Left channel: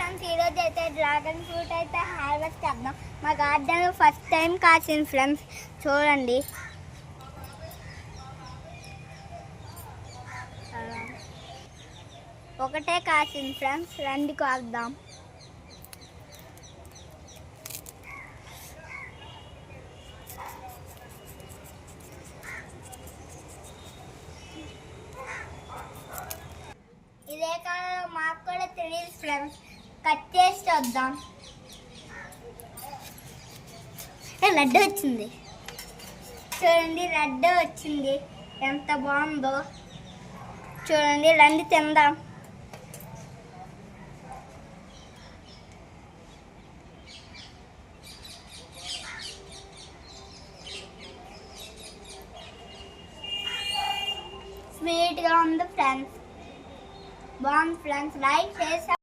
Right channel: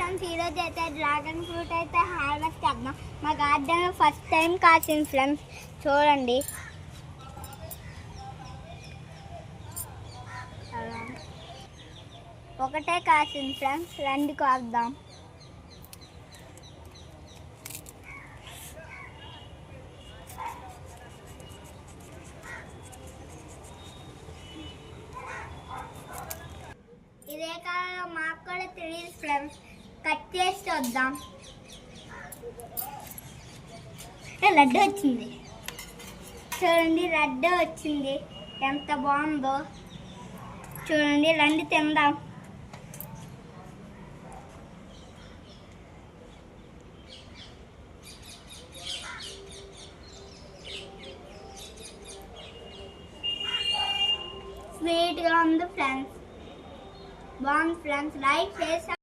Friends, ఈరోజు అయితే dragon fruit అయితే హార్వెస్ట్ చేద్దాం. మా గార్డెన్ ఫస్ట్ టైం కాసింది ఫ్రెండ్స్, చూడండి. ఒకటే కాసింది ఫ్రెండ్స్, రండి కోద్దాం. ఇదే కాలంలో మాకు కూడా తెలియదు ఫ్రెండ్స్, కట్ చేసి వద్దాం. రెడ్ వచ్చింది చూడండి, రెడ్ వచ్చింది, ఎంత బాగుందో చూడండి. రండి తిందాం. స్వీట్గా ఉంది ఫ్రెండ్స్, బాగుంది ఫ్రెండ్స్. లైక్ చేసి